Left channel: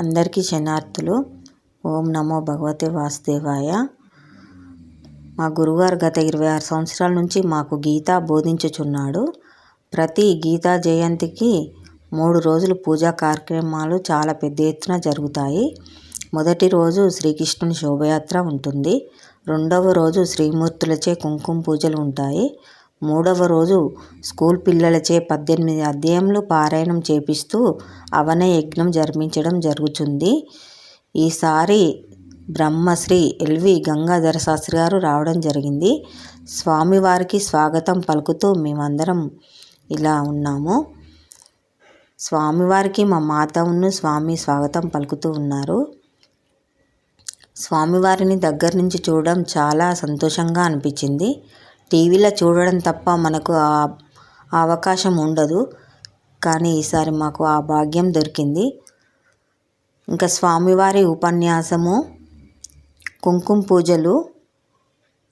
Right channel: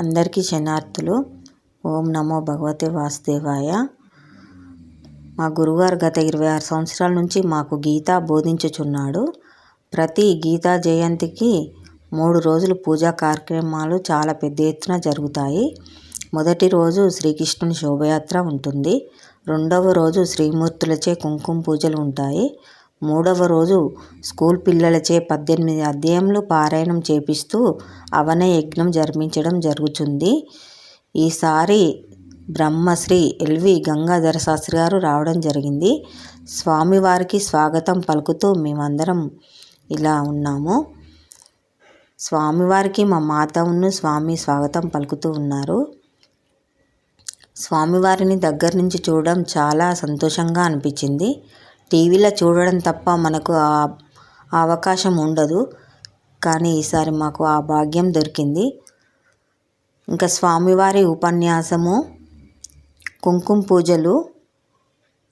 అందరికీ శరణార్థులు. ఓం నమో భగవతే వాసుదేవాయ. మా గురుగారు గత 26 సంవత్సరాల నుంచి మాకు గీత బోధించుచున్నాడు. ప్రతి గీతా జయంతికి 3 రోజులు పూజా కార్యక్రమాలు చాలా పెద్ద ఎత్తున జరుగుతాయి. మొదటి రోజు శ్రీకృష్ణుని శోభయాత్ర ఉంటుంది. రెండవ రోజు శ్రీమూర్తులచే కుంకుమ పూజలు ఉంటాయి. మూడవ రోజు స్కూల్ పిల్లలచే 18 అధ్యాయములు పారాయణం చేపిస్తూ అవన యజ్ఞం జరిపించడం జరుగుతుంది. ఈసారి బ్రహ్మశ్రీ ఎల్వి గంగాధర శాస్త్రి గారు రావడం జరిగింది. స్వామివారికి స్వాగతం పలుకుతూ మేమందరం ఇలా ఉన్నాము. స్వామివారికి మా మాత స్వామి స్వాగతం పలుకుతూ ఉన్నారు. స్వామివారిని దగ్గర నుంచి చూడడం చాలా సంతోషంగా అనిపించింది. టీవీలో చూడడం తప్ప మనకు ఆ అవకాశం ఉండదు. కానీ ఈసారి మాకు ఆ భాగ్యం దొరికింది. ఇంకా స్వామివారి ఉపన్యాసము, కుంకుమ పూజలు,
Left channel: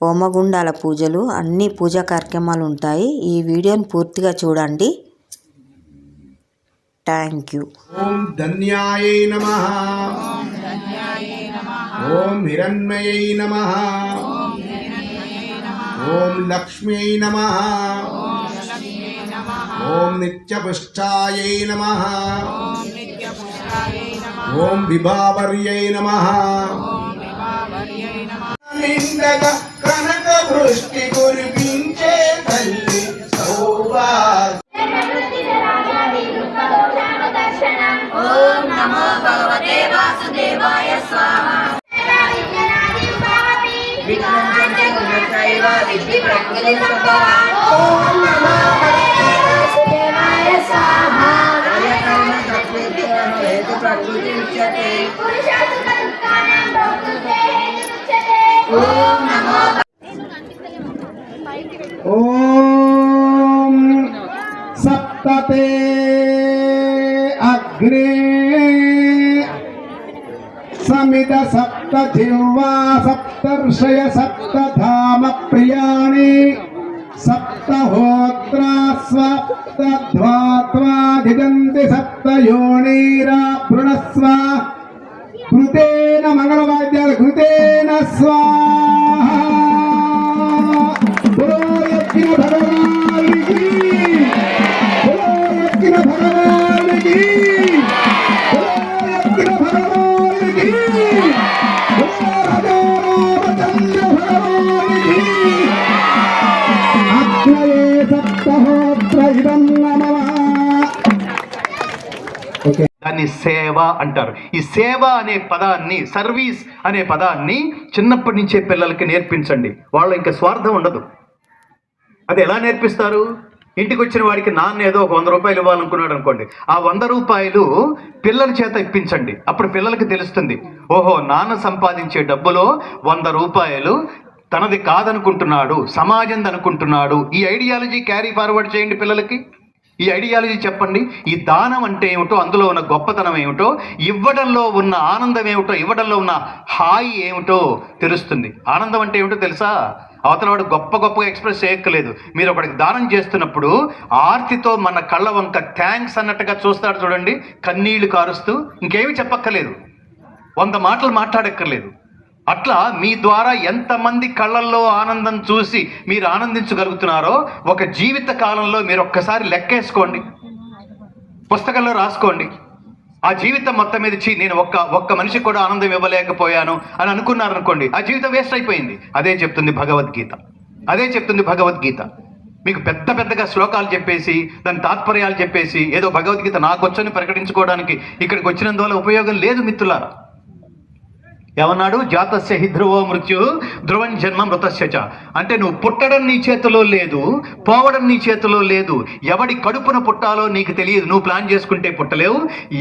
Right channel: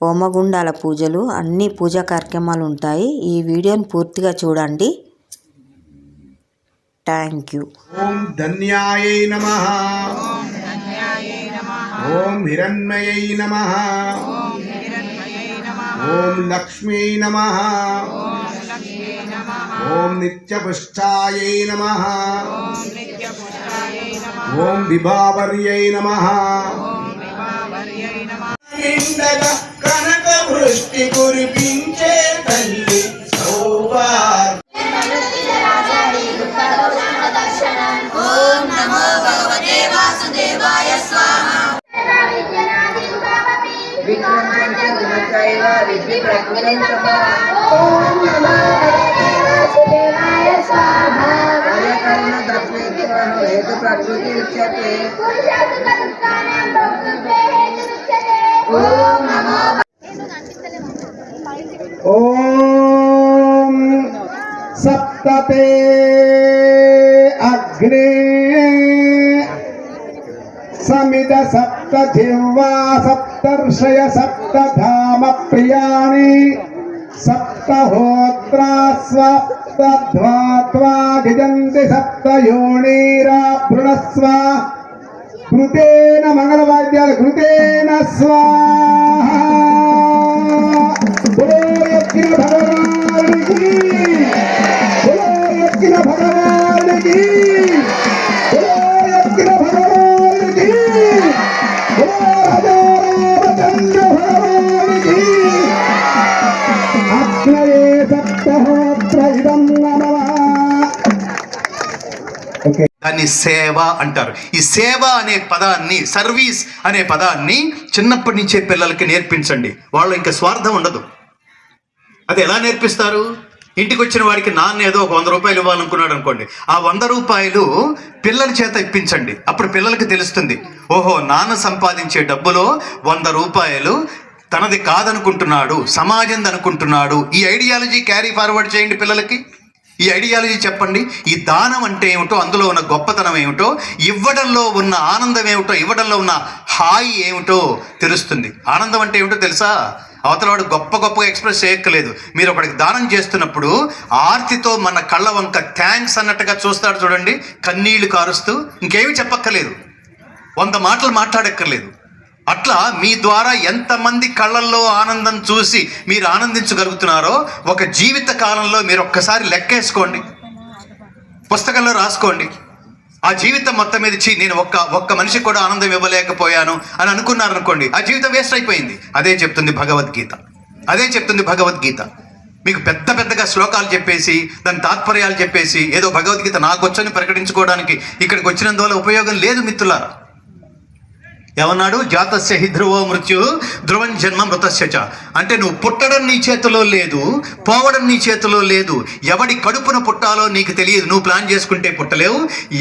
హోమగుండాల పూజలు, అన్ని పూజా కార్యక్రమాలు ఉంటాయి. ఈ వీడియోని పూర్తిగా చూడండి. Thank you. ఓం ధన్యాయై నమః. ఓం హిరణ్మయై నమః. ఓం లక్ష్మీ నమః. ఓం నిత్యపుష్టాయై నమః. ఓం విభావర్యై నమః. నిండగా కనక వృష్టి కురిపించే తల్లి సౌభాగ్య. ఓం నమో భగవతే వాసుదేవాయ స్వాహ. ఓం నమో భగవతే వాసుదేవాయ స్వాహ. ఓం నమో ఓం సప్తతే అగ్నే సమిద సప్త జిహ్వా సప్తర్షయ సప్తధామ ప్రియాణి సప్తహోత్రా సప్తధ్వాత్వాధిజంతి సప్తయోనీరా భృణస్వ. కృతేన మంగళవాద్యాలు కృతేన స్వాహా. యజ్ఞ భగవానికి, యజ్ఞ భగవానికి, యజ్ఞ భగవానికి, రామచంద్ర భగవానికి. అగ్నయే సప్తహోత్ర ఇదం నమః. ఓకే, దాన్ని సేవ అంటారు. ఈ సేవ అనే పదాన్ని, సర్వీస్ అనే పదాన్ని చిన్నప్పటి నుంచే పిల్లలకి నేర్పించండి. వాళ్ళు ఇంకా స్వార్థం ఉండదు. అది ఎలా నేర్పిస్తారు? ఇంటికి వచ్చిన వాడికి నాన్న ఏదో ఒక 100 రూపాయలు ఇవ్వాలనుకున్నాడు అనుకోండి, ఆ 100 రూపాయలు పిల్లల చేత ఇప్పించండి. అప్పుడు పిల్లలకి తెలుస్తుంది, ఓహో నాన్న సంపాదించే డబ్బులో 100 రూపాయలు తనది కాదనుకుంటున్నాడు, సమాజంది అనుకుంటున్నాడు. ఈ ఐడియాలజీ క్యారీ ఫార్వర్డ్ చేయండి పిల్లలకి. ఈ ఐడియాలజీ చెప్పండి. ఈ దానం అంటే ఏమిటో, అందులో ఉన్న గొప్పతనం ఏమిటో, ఇవ్వడంలో ఉన్న ఆనందం ఏమిటో, ఇవ్వడంలో ఉన్న హాయి ఏమిటో తెలుస్తుంది. ఆనందం అంటే ఏమిటో తెలుసా? అవతల వాడు గొప్పగా ఎక్స్ప్రెస్ చేయక్కర్లేదు. మీరు ఒకడికి దానం చేస్తున్నప్పుడు ఆర్తితో మన కళ్ళ వంక థ్యాంక్స్ అన్నట్టుగా చూస్తాడు చూడండి, కన్నీళ్లు కారుస్తూ. ఇంకేమీ చెప్పక్కర్లేదు, 100 మాటలు మాట్లాడక్కర్లేదు. అట్లా మీ ద్వారా ఎంతమంది కళ్ళల్లో ఆనందం చూసి మీరు ఆనందించగలుగుతున్నారో ఒక జీవిత కాలంలో మీరు ఒక్కసారి లెక్కేసుకోండి, పుస్తకంలో రాసుకోండి. ఆ జీవితం మొత్తం మీద నేను ఒక్క మనిషికి కూడా ఆనందం ఇవ్వలేకపోయాను అని అనుకున్నారనుకోండి, ఆ జీవితం వేస్ట్ అయిపోయింది. అదే చెప్తుంది భగవద్గీత. అదే చెప్తుంది భగవద్గీత. మీకు పెద్దగా శ్లోకాలు చెప్పేసి దాని తాత్పర్యాలు చెప్పేసి ఏదో భగవద్గీత నాకు వచ్చని ప్రకటించుకోవడానికి ఇక్కడికి వచ్చినందువల్ల ఉపయోగం లేదు మిత్రులారా. ఏమన్నాడు? జాతస్య హి ధ్రువో మృత్యు ధ్రువం జన్మ మృతస్య చ. అంటే నువ్వు పుట్టడం నీ చేతిలో లేదు, పోవడం నీ చేతిలో లేదు. ఎవడి కడుపున పుట్టాలో నీకు తెలియదు. నువ్వు ప్లాన్ చేసుకుంటే పుట్టలేవు.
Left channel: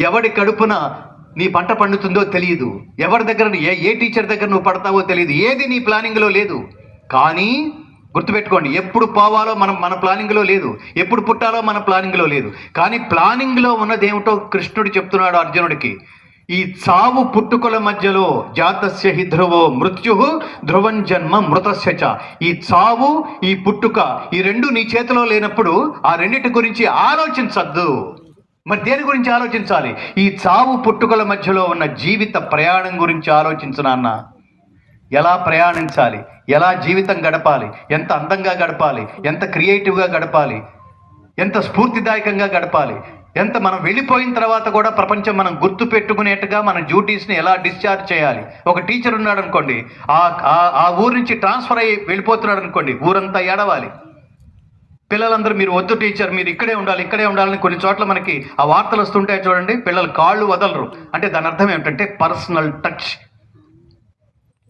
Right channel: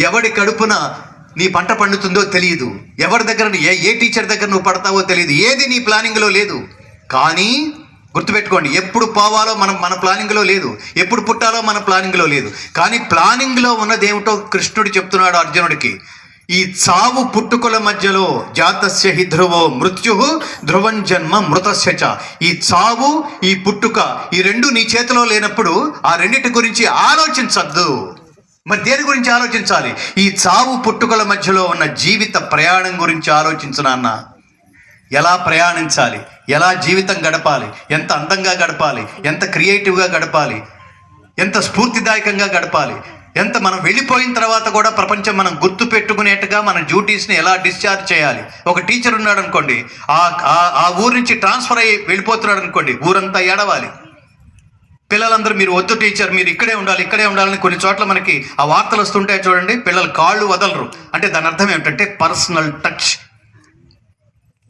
ఎవడి కడుపున నీ పంట పండుతుందో తెలియదు. ఎవరి దగ్గర ఏ టీచర్ దగ్గర నువ్వు పడతావో తెలియదు. ఏది నీ ప్లానింగ్లో లేదు. కానీ గుర్తుపెట్టుకోండి, ఎప్పుడు పోవాలో మన ప్లానింగ్లో లేదు, ఎప్పుడు పుట్టాలో మన ప్లానింగ్లో లేదు. కానీ ప్లానింగ్లో ఉన్నదేమిటో కృష్ణుడు చెప్తున్నాడు అర్జునుడికి. ఈ చావు పుట్టుకల మధ్యలో జాతస్య హి ధ్రువో మృత్యు ధ్రువం జన్మ మృతస్య చ. ఈ చావు ఈ పుట్టుక ఈ రెండు నీ చేతిలో లేనప్పుడు ఆ రెండిటి గురించి ఆలోచించద్దు. మరి దేని గురించి ఆలోచించాలి? ఈ చావు పుట్టుకల మధ్యలో ఉన్న జీవిత ప్రయాణం గురించి ఆలోచించు నాన్న. ఎలా ప్రయాణించాలి, ఎలా జీవితం గడపాలి, ఎంత అందంగా గడపాలి, ఎంత క్రియేటివ్గా గడపాలి, ఎంత స్ఫూర్తిదాయకంగా గడపాలి, ఎంత మనం వెళ్ళిపోయిన తర్వాత కూడా ప్రపంచం మనం గుర్తు పెట్టుకునేట్టుగా మన డ్యూటీస్ని ఎలా డిశ్చార్జ్ చేయాలి. ఒక టీచర్ ఉన్నాడు అనుకోండి, ఆ ఊరు నుంచి ట్రాన్స్ఫర్ అయ్యి వెళ్ళిపోతున్నాడు అనుకోండి, ఊరంతా ఏడవాలి. పిల్లలందరూ మీరు వద్దు టీచర్, మీరు ఇక్కడే ఉండాలని కొన్ని చోట్ల మనకి ఆ వార్తలు వస్తుంటాయి చూడండి. పిల్లలు కాళ్ళు వదలరు అంటే దాని అర్థం ఏమిటంటే పర్సనల్ టచ్.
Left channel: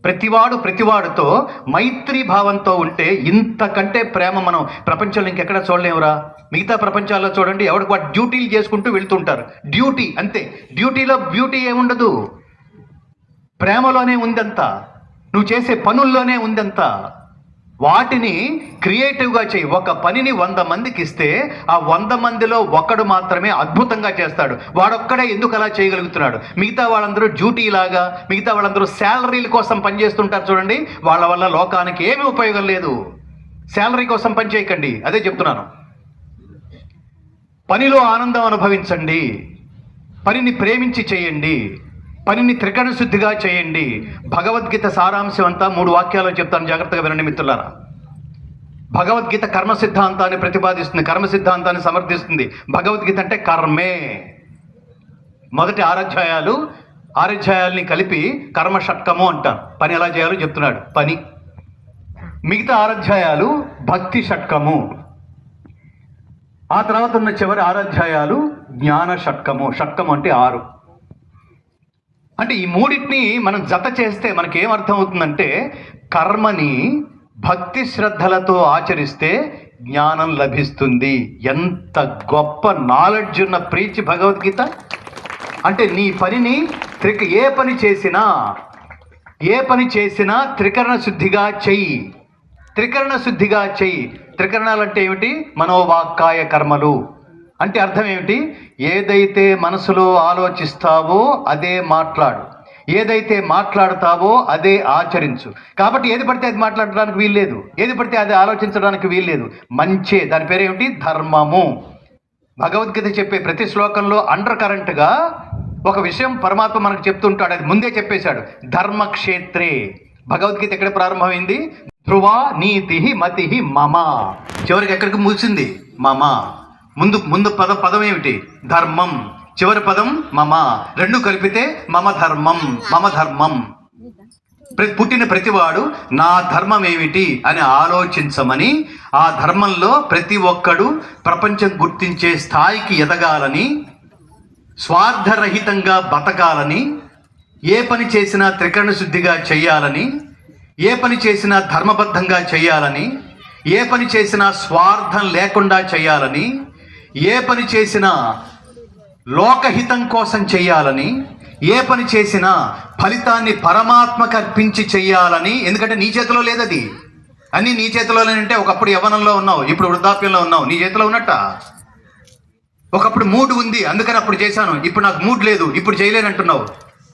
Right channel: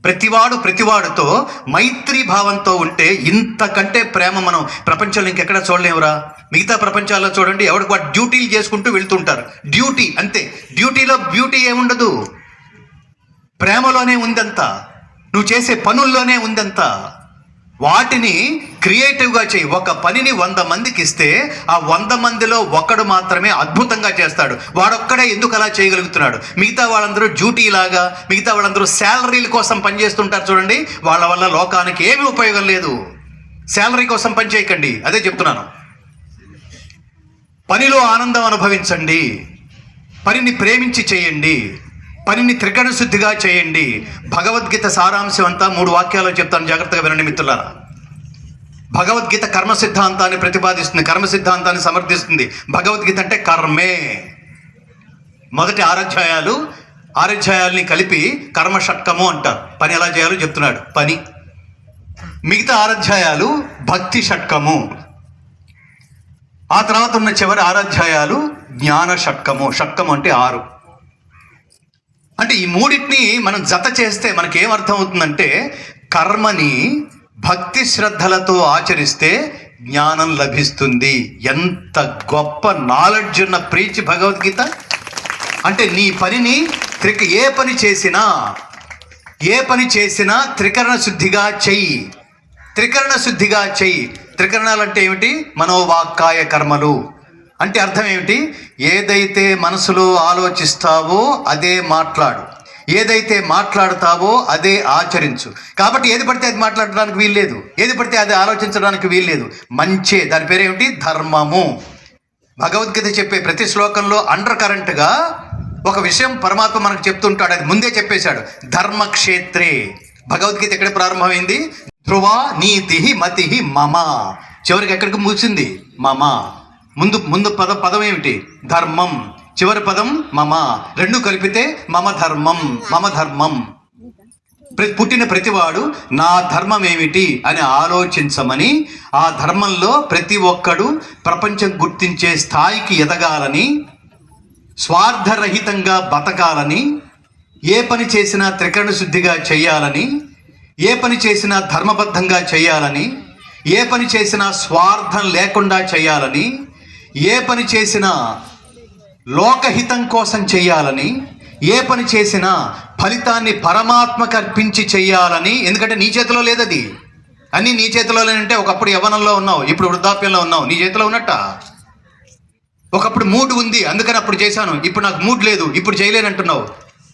ప్రతివాడితో మైత్రీ భావంతో ఉంటే ఇంతకంటే ప్రేమ మనం ప్రపంచంలో ఇంకెక్కడ చూడలేమురా. మిగతా ప్రపంచాల్లో చూడండి, ఎవరికి వాడు డ్యూటీలు చేసుకుంటూ వెళ్తుంటారు. డ్యూటీ అంతే. డ్యూటీలో బ్యూటీ ఏముండదు, ప్రేమలోనే ఉందంతా, నువ్వు చేసే పనుల్లోనే ఉందంతా. వాటిని క్రియేటివ్గా చేయి. ఒక పనిని 100 మందికి ఇస్తే ఆ 100 మందిలో ఒకడు మాత్రమే అద్భుతంగా చేస్తాడు. వాడొక్కడే ఎందుకు అలా చేయగలుగుతున్నాడు? మిగతా వాళ్ళందరూ డ్యూటీలాగా, మిగతా వాళ్ళందరూ శాలరీల కోసం పనిచేస్తుంటారు చూడండి. వాళ్ళ వల్ల లోకానికి ఏమీ ఉపయోగం లేదు. శాలరీ కోసం పని చేయకండి, అదే చెప్తున్నాను. పనిలో ఆనందం అనుభవించండి, పనిని ప్రేమించి చేయండి, పనిని త్రికరణ శుద్ధిగా చేయండి. భగవద్గీత సారాంశం అంతా 3 వాక్యాల్లో చెప్తాను, జాగ్రత్తగా వినండి మిత్రులారా. భగవద్గీత కర్మ సిద్ధాంతాన్ని ప్రతిపాదిస్తుంది, కర్మ సిద్ధాంతాన్ని సమర్థిస్తుంది. భగవద్గీత అంటే కర్మే. మొదటి 6 అధ్యాయాల్ని కలిపి కర్మ షట్కము అంటారు. పని ఎలా చేయాలో చెప్తున్నాడు పని. మిగతా 6 అధ్యాయాలు భక్తి షట్కము. ఆ తర్వాత ఉన్న చివరి 6 అధ్యాయాలు జ్ఞాన షట్కము. షట్కము అంటే 6. అంటే ఈ మూడింటిని మనం జత చేస్తే మనకేమర్థం అవుతుందంటే, కర్మని భక్తి శ్రద్ధలతో ఆచరిస్తే జ్ఞానం లభిస్తుంది. ఎంత గొప్ప నాలెడ్జ్ ఉన్న ప్రీచ్ భగవద్గీత. అంటే నీ పనిని ఏ పని చేసినా త్రికరణ శుద్ధిగా చెయ్యి. త్రికరణాలు అంటే ఏమిటి? మనోవాక్కాయ కర్మలు. అంటే అర్థం ఏమిటి? ఏదైతే మనసులో ఆలోచిస్తావో అదే మాట్లాడు, ఏదైతే మాట్లాడతావో అదే ఆచరించు. కాబట్టి ఏది పడితే అది మాట్లాడడానికి వీల్లేదు, ఏది పడితే అది ఆలోచించడానికి వీల్లేదు. మంచే, దాని పేరేమిటి? ధర్మము. భగవద్గీత చెప్పే ప్రతి శ్లోకంలో అండర్ కరెంట్గా ఒక విషయం పరమాత్మ మనకు చెప్తుంటాడు. అది ముందే చెప్పేశాడు. ధర్మక్షేత్రే. భగవద్గీత ఎక్కడ ప్రారంభమైంది? ధ్రువ నీతి మతి మమ. చివరికి ఎక్కడికి ముగిసింది? మమ. ముందు పదం ఏమిటి? ధర్మం. చివరి పదం మమ. 2 కలిపితే మమ ధర్మం. పుట్టిన ప్రతివాడు నా ధర్మం ఏమిటి అని ఆలోచించమని, ఆ ధర్మంలో ప్రతి ఒక్కడు ప్రపంచం గుర్తించే స్థాయికి ఎదగాలని, స్వార్థరహితంగా బతకాలని, ఏ పని చేసినా త్రికరణ శుద్ధిగా చేయాలని, ఏ పని చేసినా ధర్మబద్ధంగా చేయాలని, ఏ పని చేసినా స్వార్థం లేకుండా చేయాలని, ఏ పని చేసినా లోకహితం కోసం చేయాలని, ఏ పని చేసినా ఫలితాన్ని పరమాత్మకు అర్పించి చేయాలని. ఎందుకంటే నీ చేతిలో లేదది. అన్నీ నీ చేతిలోనేనంటే ఒకప్పుడు యవ్వనంలో ఉన్నావు, ఇప్పుడు వృద్ధాప్యంలో ఉన్నావు. నీ చేతిలో ఉన్నట్ట? ఒకప్పుడు మూడ్ ఉంది అందుకని అప్పుడు చేశాను, ఇప్పుడు నాకు మూడ్ లేదు ఇప్పుడు చేయలేనంటున్నావు.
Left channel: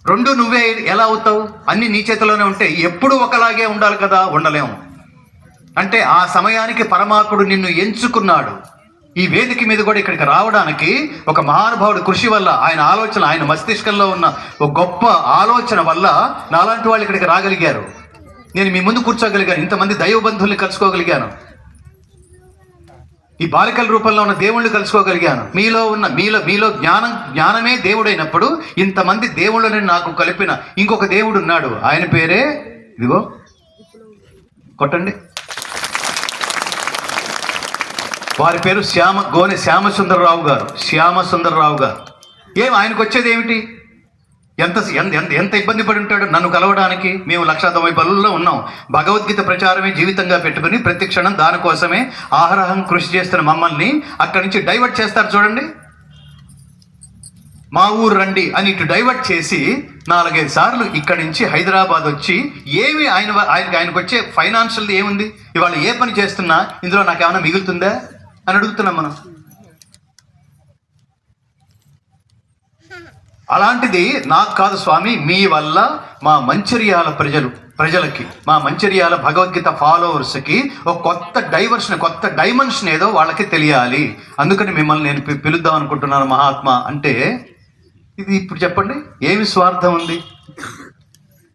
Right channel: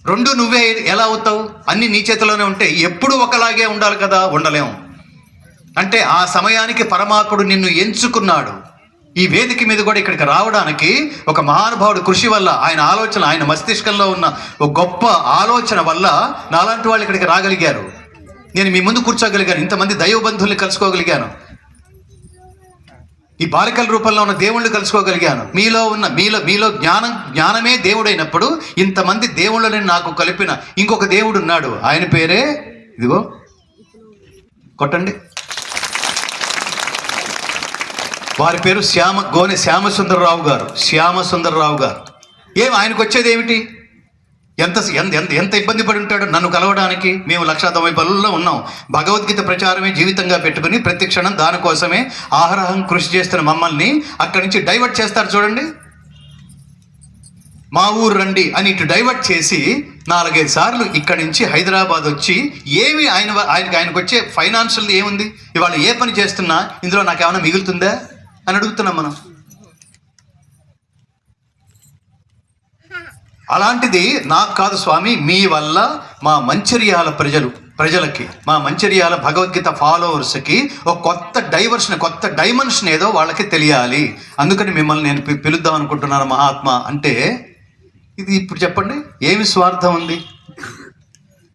2 నువ్వే ఎలా అవుతావు? అన్నీ నీ చేతిలోనే ఉంటే ఎప్పుడు ఒకలాగే ఉండాలి కదా, ఉండలేము. అంటే ఆ సమయానికి పరమాత్ముడు నిన్ను ఎంచుకున్నాడు. ఈ వేదిక మీద కూడా ఇక్కడికి రావడానికి ఒక మహానుభావుడు కృషి వల్ల, ఆయన ఆలోచన, ఆయన మస్తిష్కంలో ఉన్న ఒక గొప్ప ఆలోచన వల్ల నాలాంటి వాళ్ళు ఇక్కడికి రాగలిగారు. నేను మీ ముందు కూర్చోగలిగాను, ఇంతమంది దైవబంధువుల్ని కలుసుకోగలిగాను, ఈ బాలికల రూపంలో ఉన్న దేవుళ్ళు కలుసుకోగలిగాను. మీలో జ్ఞానమే దేవుడైనప్పుడు ఇంతమంది దేవుళ్ళని నాకు కలిపిన ఇంకొక దేవుడు ఉన్నాడు. ఆయన పేరే ఇదిగో కొట్టండి, వారి పేరు గోనె శ్యామసుందరరావు గారు. ఆయనకు వచ్చేది ఏమిటి? ఎంత ఇబ్బంది పడి ఉంటాడు నన్ను కలవడానికి. మేము 190 బలుల్లో ఉన్నాం. భగవద్గీత ప్రచారమే జీవితంగా పెట్టుకుని ప్రతి క్షణం దానికోసమే ఆహరహం కృషి చేస్తున్న మమ్మల్ని అక్కడి నుంచి డైవర్ట్ చేస్తారు చూడండి. మా ఊరు రండి అని ఇటు డైవర్ట్ చేసి 4-5 సార్లు ఇక్కడి నుంచి హైదరాబాద్ వచ్చి ఏమి ఆయనకు వచ్చే ఫైనాన్షియల్ ఏముంది? ఇవాళ ఏ పని చేస్తున్నా ఇందులో నాకేమైనా మిగులుతుందా అని అడుగుతున్నాం మనం. అలాంటిది నాకు కాదు స్వామి, మీ వల్ల మా మంచిర్యాల ప్రజలు ప్రజలకి, మా మంచిర్యాల భగవద్గీత ఫాలోవర్స్కి ఒక కొత్త డైమెన్షన్ ఏదో వాళ్ళకి తెలియాలి. అందుకని మిమ్మల్ని నేను పిలుద్దాం అనుకుంటున్నాను మహాత్మా అంటే. ఇది ఇప్పుడు చెప్పండి, ఏమి స్వార్థం ఉంది?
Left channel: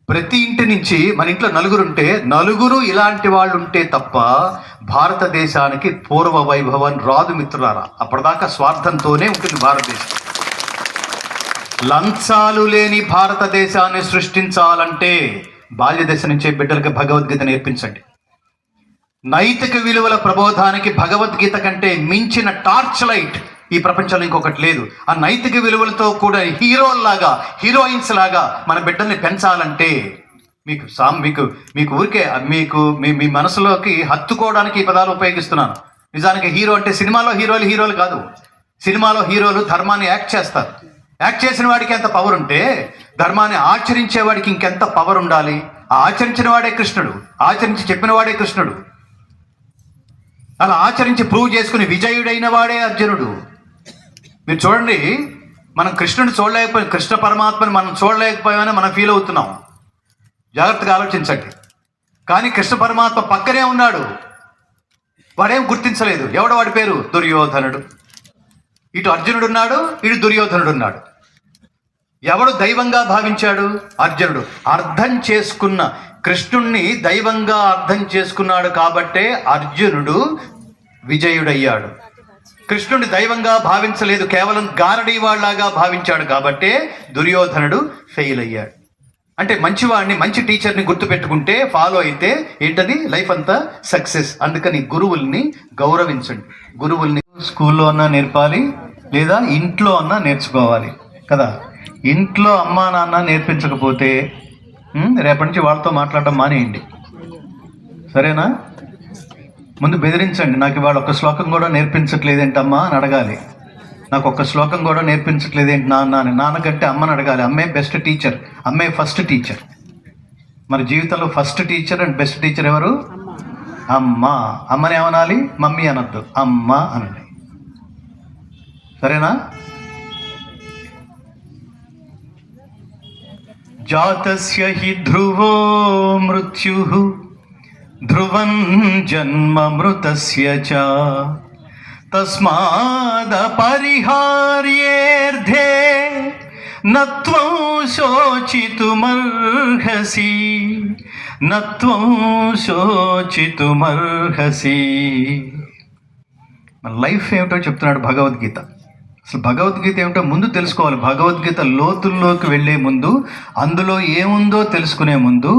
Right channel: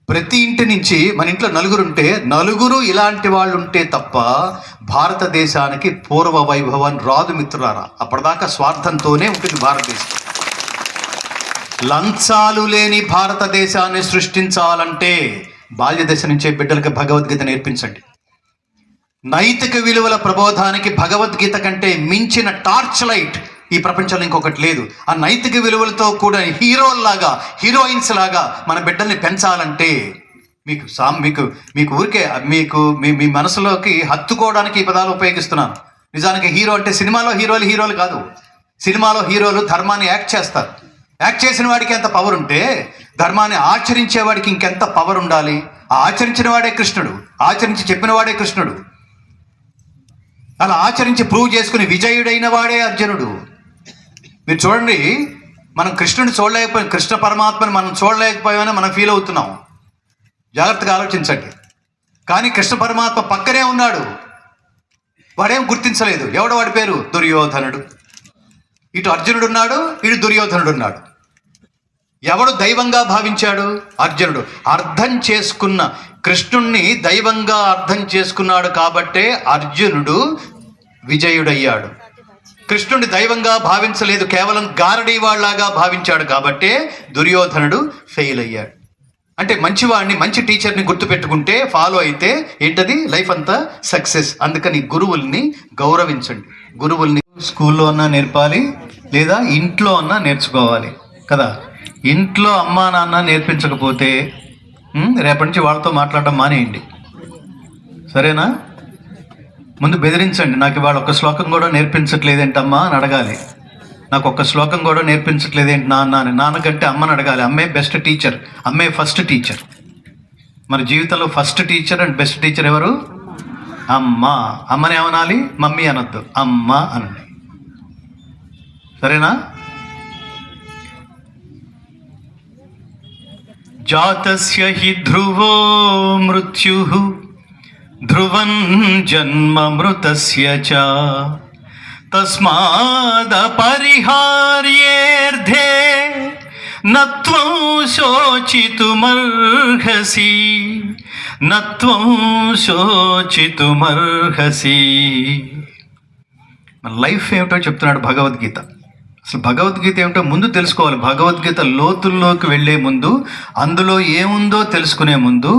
ప్రతి ఇంటి నుంచి మన ఇంట్లో నలుగురు ఇలాంటి వాళ్ళు ఉంటే తప్ప భారతదేశానికి పూర్వ వైభవాన్ని రాదు మిత్రులారా. అప్పటిదాకా స్వార్థంతోనే ఉంటుంది భారతదేశం. లంచాలు లేని భారతదేశాన్ని సృష్టించాలంటే బాల్య దశ నుంచే బిడ్డలకు భగవద్గీత నేర్పించండి. నైతిక విలువల ప్రబోధానికి భగవద్గీత కంటే మించిన టార్చ్ లైట్ ఈ ప్రపంచంలో ఇంకొకటి లేదు. ఆ నైతిక విలువలతో కూడా హీరోయిన్స్ లాగా మన బిడ్డల్ని పెంచాలంటే మీకు ఊరికే మీ మనసులోకి హత్తుకోవడానికి ఈ పదాలు ఉపయోగిస్తున్నాను. నిజానికి హీరో అంటే సినిమాలో హీరోలు కాదు. సినిమాలో హీరోలు ధర్మాన్ని యాక్ట్ చేస్తారు. యాక్ట్ చేసిన వాడికి ఎంత పవర్ ఉంటే ధర్మాన్ని ఆచరించే వాడికి ఇంకెంత పవర్ ఉండాలి. ఆ ఆచరించిన వాడే కృష్ణుడు, ఆచరించి చెప్పిన వాడే కృష్ణుడు, అలా ఆచరించి ప్రూవ్ చేసుకుని విజయుడైన వాడే అర్జునుడు. మీరు చూడండి, మనం కృష్ణుని చూడలేకపోయాం, కృష్ణ పరమాత్మని మనం చూడలేకపోయామని మనం ఫీల్ అవుతున్నాం. జాగ్రత్తగా ఆలోచించండి. కానీ కృష్ణ పరమాత్మ పక్కనే ఉన్నాడు, వాడేం గుర్తించలేదు. ఎవడు వాడి పేరు? దుర్యోధనుడు. ఇటు అర్జునుడు ఉన్నాడు, ఇటు దుర్యోధనుడు ఉన్నాడు. ఎవడు దైవంగా భావించాడు? అర్జునుడు. అర్థం చేసుకున్న కృష్ణుణ్ణి దైవంగా అర్థం చేసుకున్నాడు కాబట్టే అర్జునుడు విజయుడయ్యాడు. కృష్ణుడిని దైవంగా భావించలేదు, కేవలం గారడీ వాళ్ళలాగా భావించాడు కాబట్టే దుర్యోధనుడు ఫెయిల్ అయ్యాడు. అంటే మంచివాడిని, మంచి టీచర్ని గుర్తుపెట్టుకుంటే, ఫాలో అయితే ఏంటది? లైఫ్ అంతా సక్సెస్. అందుకని గురువుల్ని గౌరవించండి. గురువుల్ని స్కూల్లో అన్నా నేర్పాలి, లేదా ఇంట్లో అన్నా నేర్చుకోవాలి కదా. ఇంట్లో అమ్మా నాన్న నేర్పించకపోతే రేపటి నుంచి వాళ్ళతో మాట్లాడటం మానేయండి, సరేనా? ముందు బెదిరించండి. నాకు ఇవాళ ఒక శ్లోకం కూడా నేర్పించట్లేదేంటమ్మా అని అడగాలి. నాకు ఒక్క శ్లోకం కూడా నేర్పించట్లేదేంటి నాన్న అని. నాన్నకంటే అమ్మని అడగాలి. అమ్మే బెస్ట్ టీచర్, అమ్మే ఫస్ట్ టీచర్. మన జీవితంలో first teacher and best teacher ఎవరు? అమ్మ. అమ్మని ఏమనాలి? మమ్మీ అనొద్దు, అమ్మ అనండి, సరేనా? జాతస్య హి ధ్రువో మృత్యుః ధ్రువం జన్మ మృతస్య చ తస్మాదపరిహార్యేర్థే నత్వం శోచితుమర్హసి మన లైఫ్ ఏమిటో చెప్తున్నాడు భగవద్గీత. అసలు భగవద్గీత ఏమిటో ముందు తెలుసుకోవాలి. భగవద్గీత లోతుల్లోకి వెళ్ళే ముందు, అందులో ఏముందో తెలుసుకునే ముందు,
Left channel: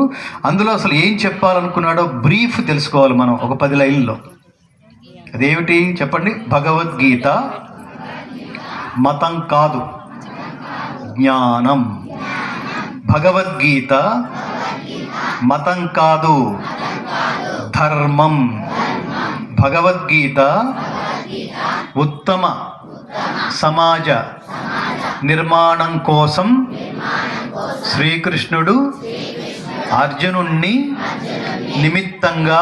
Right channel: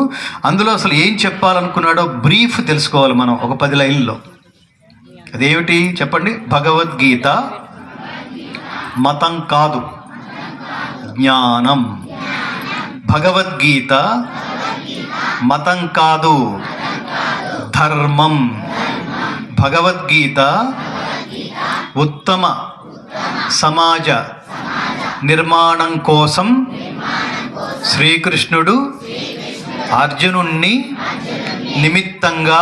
అందులో అసలు ఏం చెప్పాలనుకున్నాడో బ్రీఫ్ తెలుసుకోవాలి మనం ఒక 10 లైన్లో. అదేమిటి చెప్పండి? భగవద్గీత మతం కాదు, జ్ఞానం. భగవద్గీత మతం కాదు, ధర్మం. భగవద్గీత ఉత్తమ సమాజ నిర్మాణం కోసం శ్రీకృష్ణుడు అర్జునుణ్ణి నిమిత్తంగా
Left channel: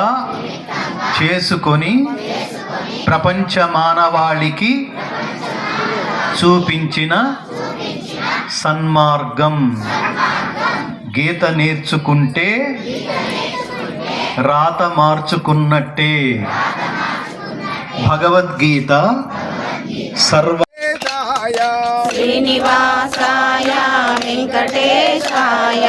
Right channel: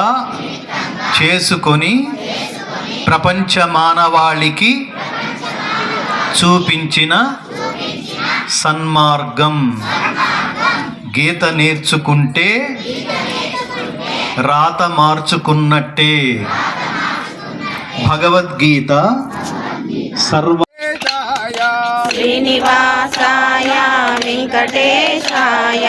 చేసుకొని ప్రపంచ మానవాళికి చూపించిన సన్మార్గం. గీత నేర్చుకుంటే రాత మార్చుకున్నట్టే. భగవద్గీత సర్వ శ్రీనివాసాయ వెంకటేశాయ